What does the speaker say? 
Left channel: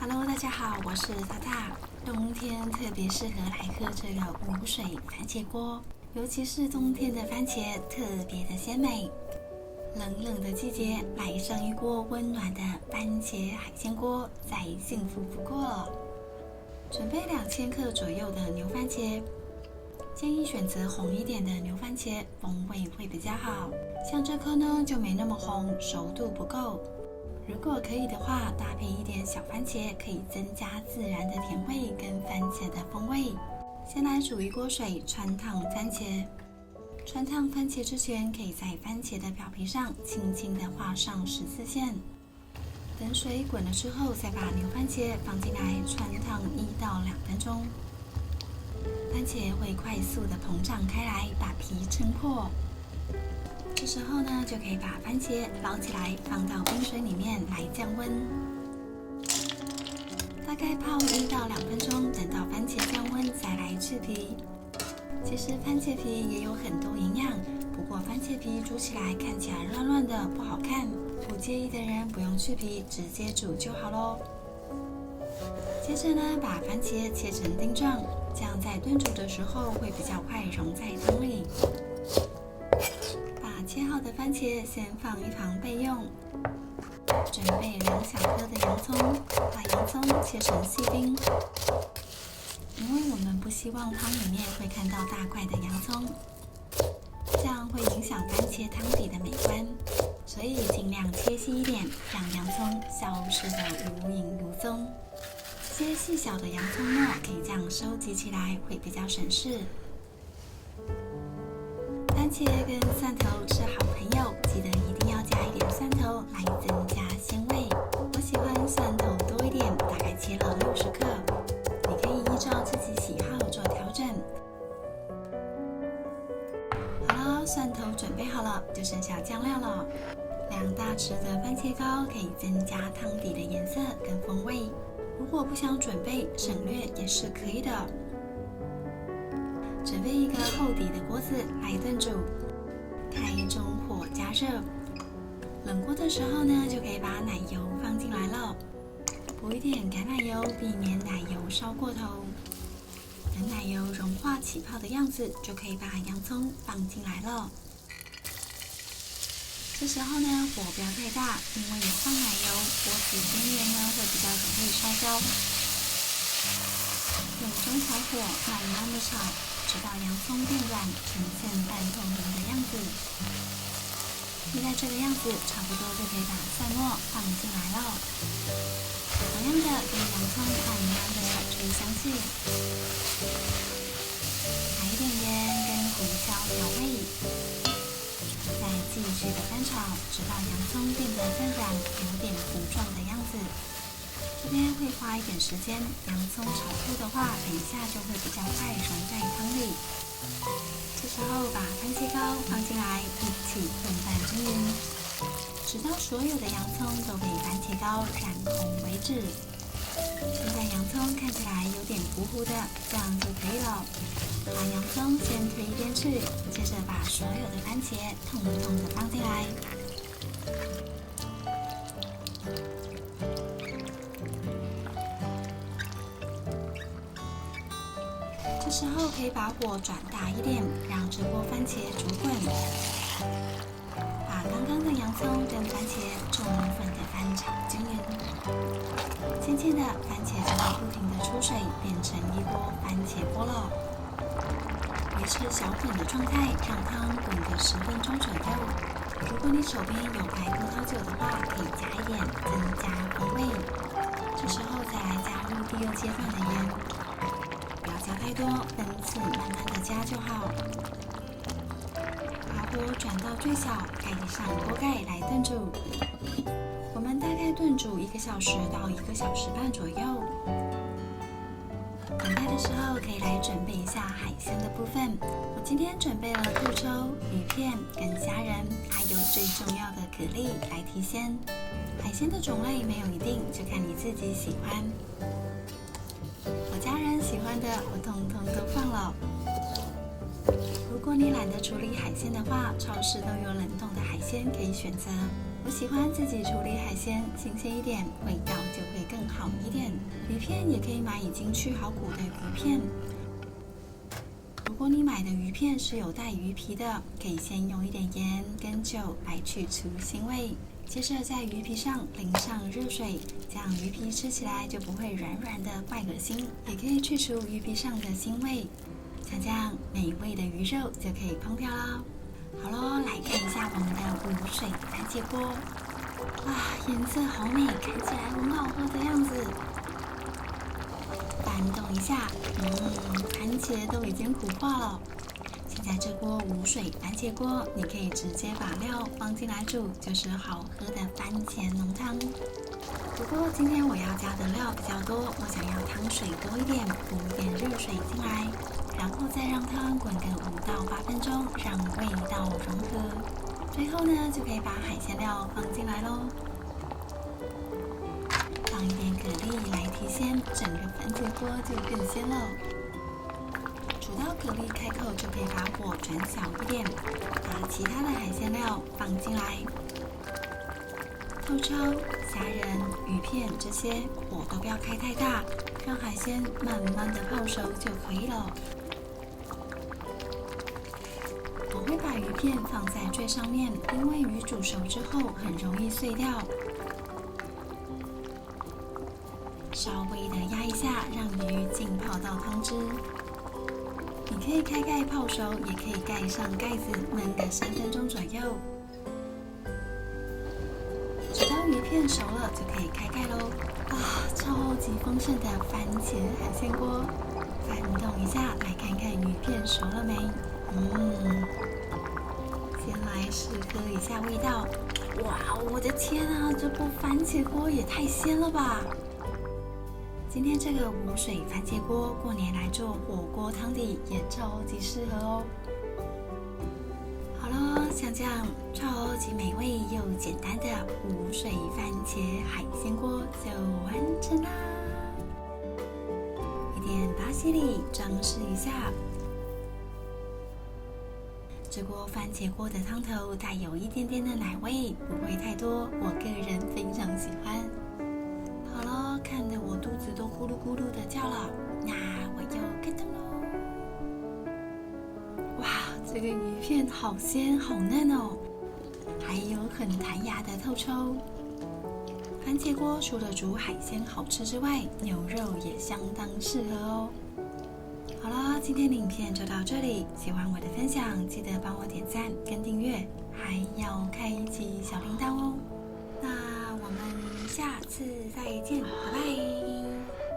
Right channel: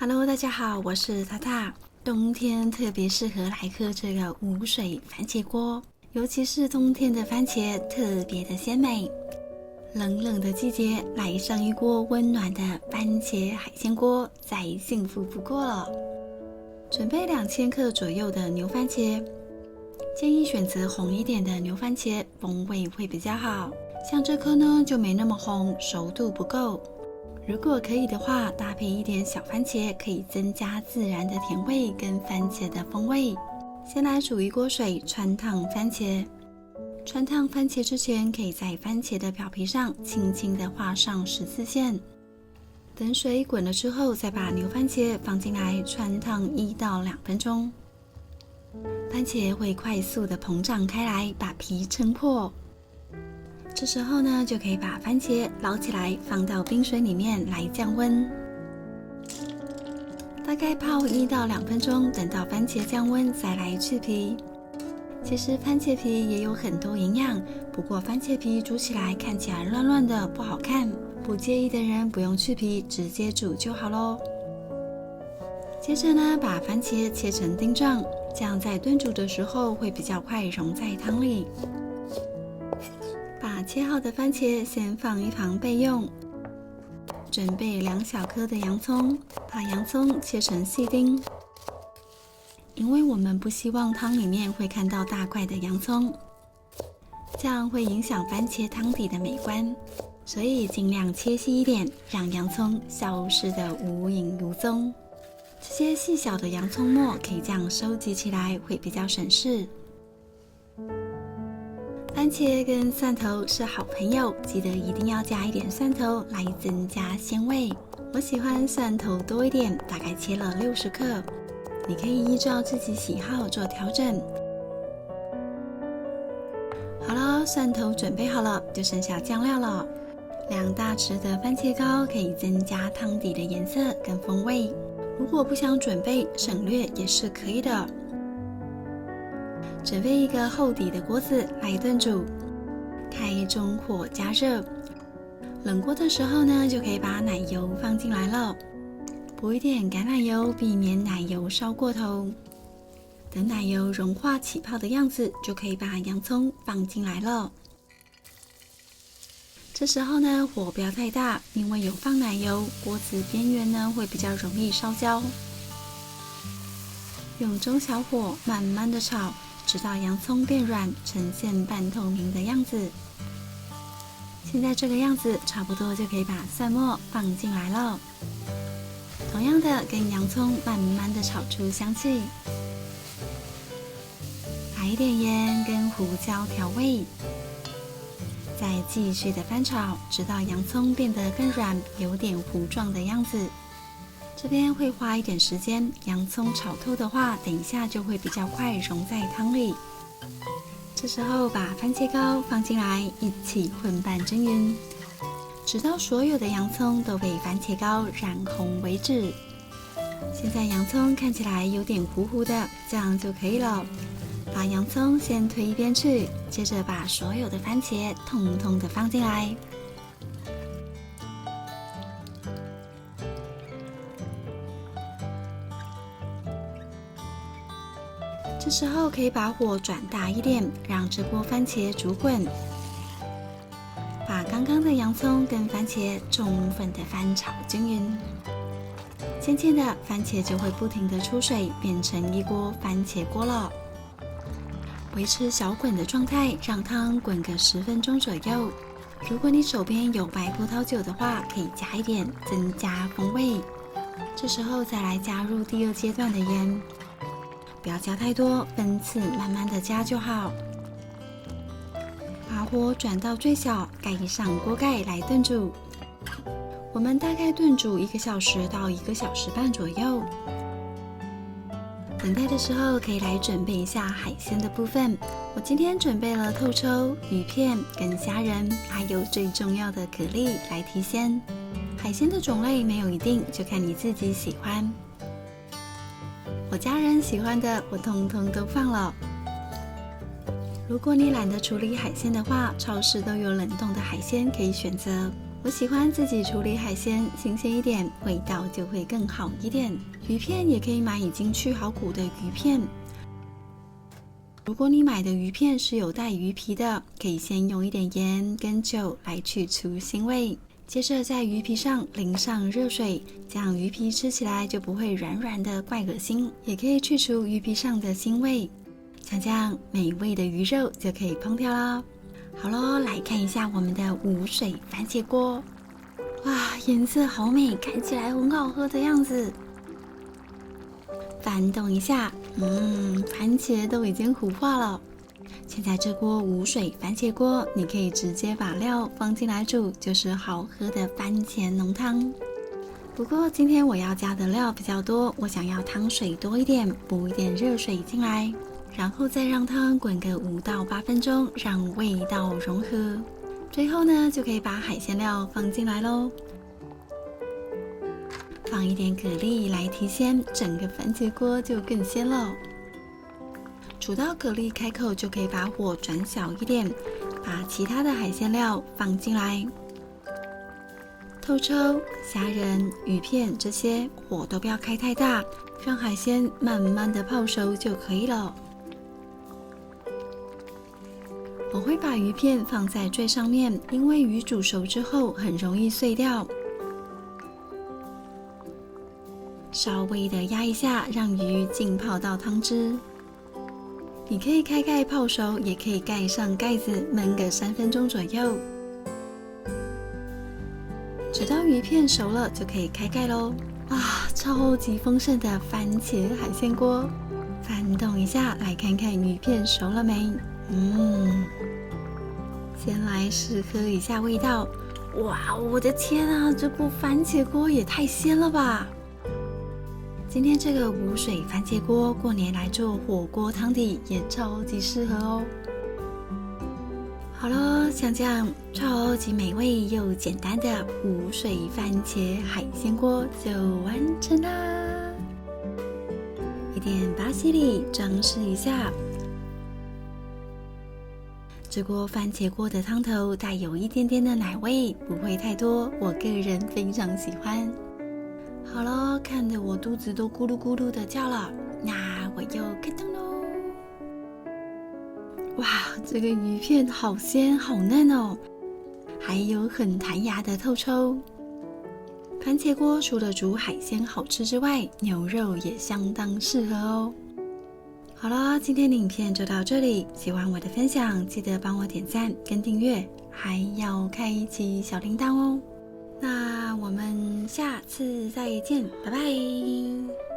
Hello， 大家好，我是塔塔。冬天特别适合来喝这个无水番茄锅，尤其是冬天的番茄特别的鲜美。冷冷的季节，来上一锅温暖的番茄海鲜锅，再幸福不过了。准备2000克左右的牛番茄，建议选择红一点的牛番茄，风味会比较好。像这颗呢就没那么红，熟度不够。如果可以的话，搭配一点小番茄，可以增加自然的甜味跟番茄的风味。先来煮一锅水，穿烫番茄。穿烫番茄之前，可以在番茄的表皮上轻轻地画上十字线。等水滚了之后，再把牛番茄放进来穿烫1到2分钟。番茄会快速的膨胀开来，把皮撑破。这时候呢，就可以把番茄捞起来，放到冰水里面来降温。大概泡1到2分钟，等到番茄降温再来去皮。其实番茄皮也有很多营养，不过番茄皮煮起来看起来乱乱的不好看，不介意的人不用去皮，直接煮就好咯。接着呢，把番茄切成丁状，这样在炖煮的时候会比较快融在汤里。把切好的番茄先放一旁备用。准备2小颗的洋葱，把洋葱切成细丁。因为我们不希望汤里面会看到大块的洋葱，这样会影响番茄汤底的美观，所以尽量切细一点，让洋葱消失的无影无踪。这些细小的洋葱末可以这样收集起来，会比较省事。番茄跟蒜头是好朋友，记得一定要加一点蒜头来增加鲜味。我喜欢蒜头多一点，大概切了60克，你可以依照自己喜好做调整。好了，蒜头准备好了，就剩下酱料了。2大匙的番茄膏可以增加汤底的颜色跟风味，如果不想准备，省略也是可以的。准备一个厚底的锅子来炖煮，开中火加热。冷锅的时候呢，就可以把奶油放进来了，补一点橄榄油，避免奶油烧过头。等奶油融化起泡的样子，就可以把洋葱放进来了。这时候呢，火不要太大，因为有放奶油，锅子边缘呢会比较容易烧焦。用中小火慢慢的炒，直到洋葱变软，呈现半透明的样子。现在这个样子差不多就可以把蒜末放进来了。同样的，跟洋葱慢慢的炒出香气。来一点盐跟胡椒调味，再继续的翻炒，直到洋葱变得更软，有点糊状的样子。这边会花一点时间，洋葱炒透的话，等一下就会比较快融在汤里。这时候把番茄膏放进来，一起混拌均匀，直到所有的洋葱都被番茄膏染红为止。现在洋葱看起来有点糊糊的，这样就可以了。把洋葱先推一边去，接着把所有的番茄统统的放进来。这时候可以把火转大一点，让这锅番茄煮滚。把刚刚的洋葱跟番茄充分的翻炒均匀。渐渐的，番茄就会不停的出水，变成一锅番茄锅了。维持小滚的状态，让汤滚个10分钟左右。如果你手边有白葡萄酒的话，可以加一点，增加风味。这时候再来加入第2阶段的盐。不要加太多，分次慢慢的加就好。把火转到最小，盖上锅盖来炖煮。我们大概炖煮1个小时到1个小时半左右。等待的时候可以来准备一下海鲜的部分。我今天准备了透抽、鱼片跟虾仁，还有最重要的蛤蜊来提鲜。海鲜的种类没有一定，就看你自己喜欢。我家人喜欢的，我通通都放了。如果你懒得处理海鲜的话，超市都有冷冻的海鲜可以选择。我喜欢自己处理海鲜，新鲜一点，味道就会更好一点。鱼片也可以买已经去好骨的鱼片。如果你买的鱼片是有带鱼皮的，可以先用一点盐跟酒来去除腥味，接着在鱼皮上淋上热水，这样鱼皮吃起来就不会软软的怪恶心，也可以去除鱼皮上的腥味。像这样美味的鱼肉就可以烹调啦。好咯，来看一下我们的无水番茄锅。哇，颜色好美，看起来很好喝的样子。翻动一下，番茄都已经糊化了。现在这锅无水番茄锅，你可以直接把料放进来煮，就是好喝的番茄浓汤。不过今天我要加的料比较多，我想要汤水多一点，补一点热水进来，然后再让汤滚个5到8分钟，让味道融合。最后呢，就可以把海鲜料放进来咯。放一点蛤蜊来提鲜，整个番茄锅就更鲜了。煮到蛤蜊开口，就可以把火转小一点，把其他的海鲜料放进来。透抽、虾仁、鱼片这些火都不要开太大，让海鲜慢慢的泡熟就可以了。我会把鱼片放在最上面，因为鱼煮熟之后很容易碎掉。稍微的压一下，让鱼浸泡到汤汁。你可以开盖泡熟，也可以盖上盖子焖个3分钟左右。直到鱼片熟了，就可以开盖咯。超级丰盛的番茄海鲜锅，翻动一下，来看看鱼片熟了没？先来试喝一下味道。哇，我的天啊，这部番茄锅也太鲜了吧！今天这个无水番茄锅，过年来做火锅汤底也超级适合哦。好了，像这样超级美味又简单的无水番茄海鲜锅就完成啦！一点巴西里装饰一下。这锅番茄锅的汤头带有一点点的奶味，不会太多，我个人非常喜欢。好了，看得我肚子都咕噜咕噜的叫了，那我又开动喽！哇，这个鱼片好鲜好嫩哦，还有很弹牙的透抽。番茄锅除了煮海鲜好吃之外，牛肉也相当适合哦。好了，今天的影片就到这里，喜欢我的分享，记得帮我点赞跟订阅，还要开启小铃铛哦。那我们下次再见，拜拜。